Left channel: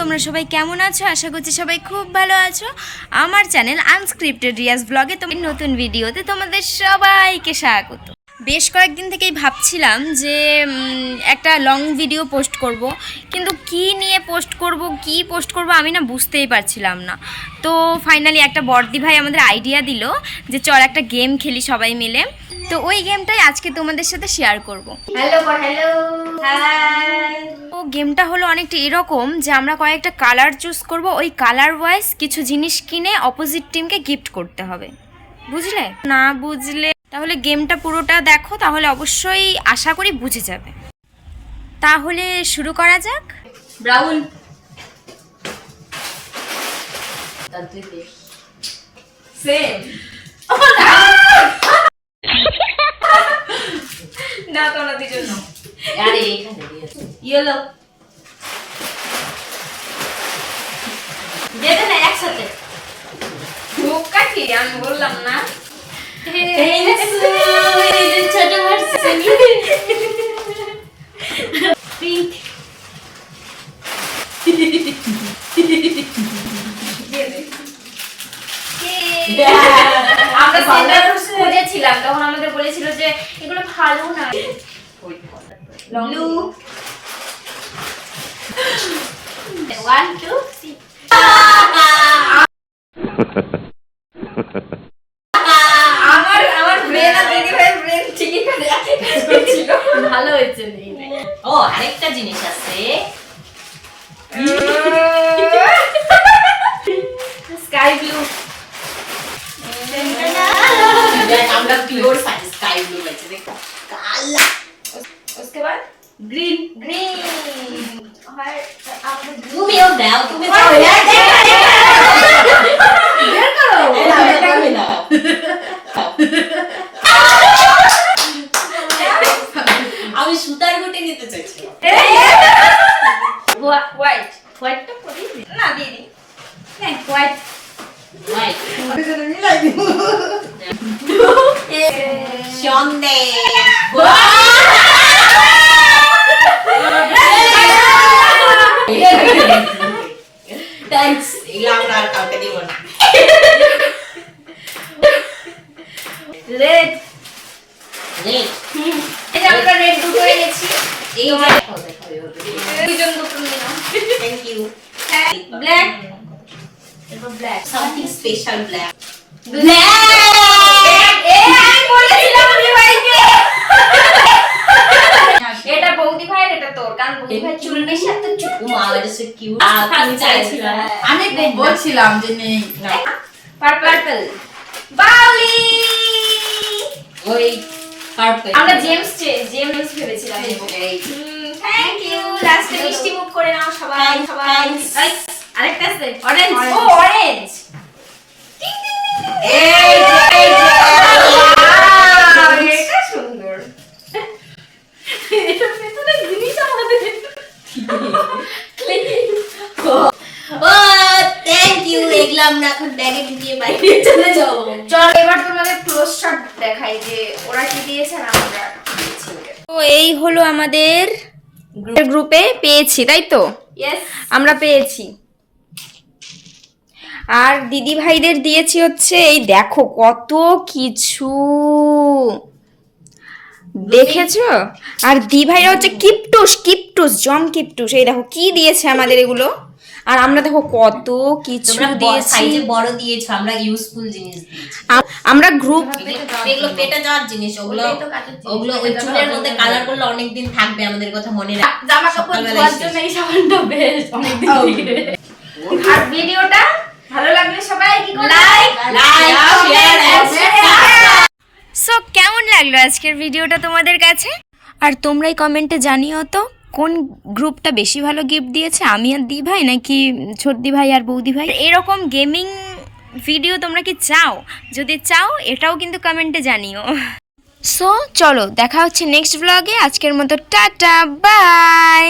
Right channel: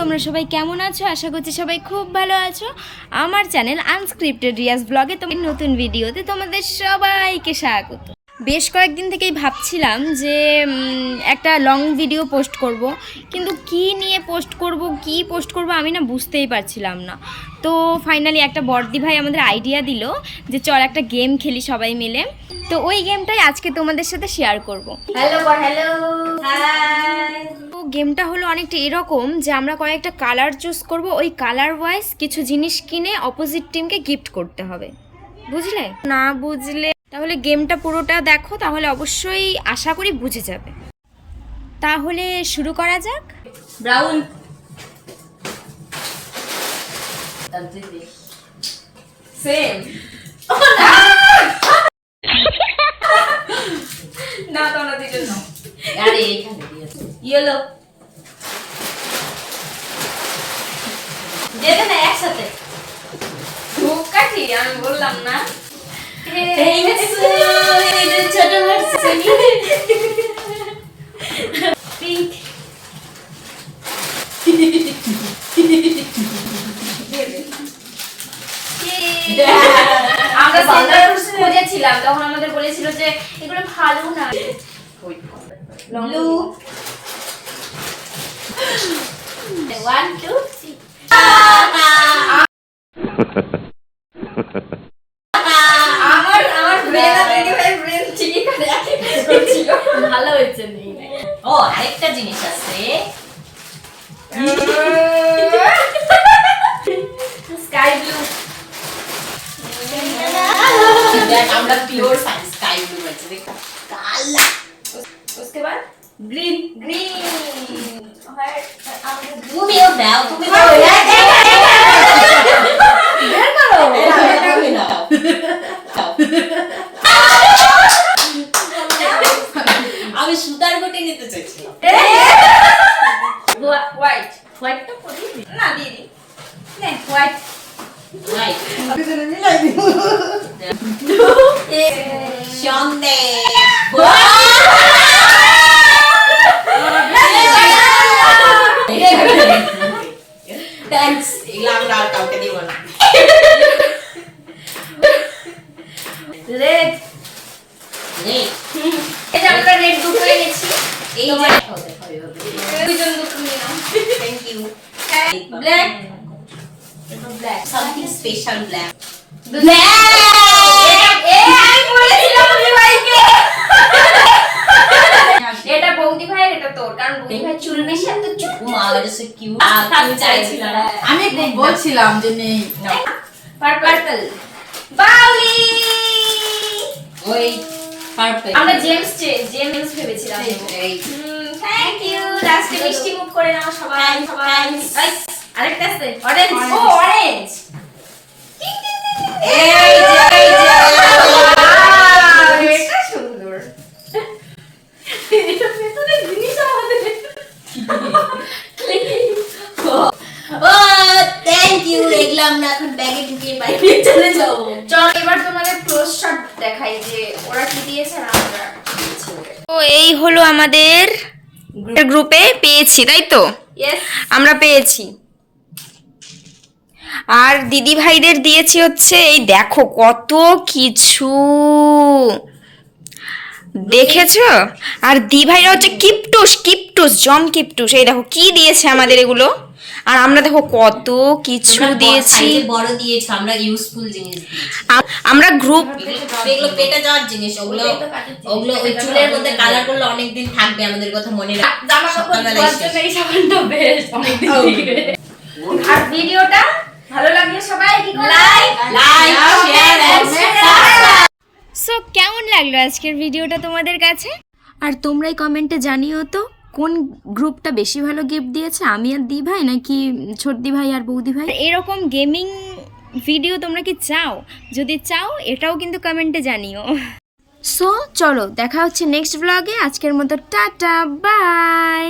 তোমরা সবাই কেমন আছো? আশা করছি সবাই খুব ভালো আছো। আমার চ্যানেল আনস্ক্রিপ্টেড রিয়াজ ব্লগে তোমার নতুন ভিডিওতে তোমাদের সবাইকে স্বাগত। বেশ কয়েকদিন থেকেই ভাবছিলাম যে একটা লং ভিডিও পোস্ট করব, কিন্তু কি নিয়ে পোস্ট করব আমি না বুঝতেই পারছিলাম না। তো ফাইনালি একটা বড়দি ভাই আমাদের আইডিয়া দিল যে চল একটা গেম খেলি সবাই মিলে। তো ওই গেমটাই আজকে তোমাদের সাথে শেয়ার করব। Hello hi. তো গেমটা হলো অনেকটা এরকম যে আমরা কয়েকটা কালার চুজ করব, ওই কালার ওয়াইজ কিছু জিনিস কিনে অপোজিট টিমকে গিফট করতে হবে। বুঝলে? না বুঝলে তাহলে গেমটা পুরোটা দেখো, তাহলে অবশ্যই আশা করি বুঝে যাবে। তাহলে শুরু করা যাক। ব্রাউন সেম না তো না দিজন না আরে এখানে দিয়েছে ইয়েলো যেটা না একসাথে ঢোকাটি আমি বললাম না ছোট ভার্সন আমরা সেন্টার খুঁজেছিলাম, তখন আমাদের বলেছিল যে এগুলো ভালো না। ব্লু 1 2 3 আমার ব্রেন আর দিদি ভাইয়ের ব্রেন ঠিকই কাজ করছিল। ভালো হয়েছে নি। ও আরেকটা জিনিস আছে, স্কাই ব্লু। আমরা प्योर स्काई ब्लू लेते देखो काला। उसके बाद ग्रीन और তুমি ও দাও তুমি দাও বের করো আমি সুতার গুটি নিতে চাইছিলাম। হোয়াইটটা পরি না দিদি না হোয়াইট আমি যেন মিলাই দিব সন্দেহ থ্যাঙ্কস ইলামরা কাউকে দিব না। রেড এটা আমরা রেড দুটো হয়ে গেছি। এই যে দুইজন দুটো নিলাম। Thank you. Black black something special black আমি বলেছিলাম ভাইকে এটা বৌদি ভাইয়ের, এটা তোর, কারণ বৌদি ভাই চুল বেশি এত চুপু মালা সে কিউট চাইছিলাম। আমি বলছিলাম যে নেই পার্পল বাউলি ওই পার্পল আমরা জেমস ভেবেছিলাম। Thank you. লাস্টে মিষ্টি মুখ করে নাও সবাই। আরেকটা আছে অরেঞ্জ। ও অরেঞ্জ এই যে এটা সুন্দর। এটা ভেতরে জিনিস আমাদের ও থ্যাংক ইউ। দেখলাম না, এখন ব্যাগে ঢুকিয়ে বাইরে চলে যাও। চল এবার তোমাদের ক্লোজ শট দেখাই যে ওরা কি দিয়েছে আর আমরা কি দিয়েছি। তো এই হলো আমাদের গ্রুপে পেয়েছি, তাই তো? আমরা পেয়েছি। আর দিদি ভাইদের দিয়েছি হচ্ছে এই দেখো কত কিছু দেখেছো। আর দিদি ভাইরা হচ্ছে কিপটুস জম কিপটুস। এই দেখো কি দিয়েছে আমাদের এগুলো। আর আমরা দেখো কত কিছু দিয়েছি। বড় দিয়েছি আমরা, ইউজফুল জিনিস দিয়েছি আমরা গ্রুপ। এগুলো কেটে যাওয়ার জিনিস, ওগুলো ওই চুলের মধ্যে কালার করলে অনেক দিন থাকবে, আমাদের কথা মনে রাখ। জামা কাপড় ধোয়ার জন্য এই সাবানটা বেস্ট অনেক দিন থেকে। আর ভিডিওটা ভালো লাগলে সবাই কি করবে? Like share and subscribe. So কেমন লাগলো আজকের ভিডিওটা তোমাদের কাছে? আর তোমরাই কমেন্টে জানিও তো কোন গ্রুপটা বেশি ভালো গিফট দিয়েছে, আমি আর দি ভাই নাকি ছোটদি ভাই আর বৌদি ভাই। এরকম গেমিং ভিডিও তোমরা কি চাও? যদি চাও এটাও কিন্তু কমেন্টে জানিও। সো চলো দেখা হচ্ছে নেক্সট ব্লগে। আজকের মতো টাটা বাই।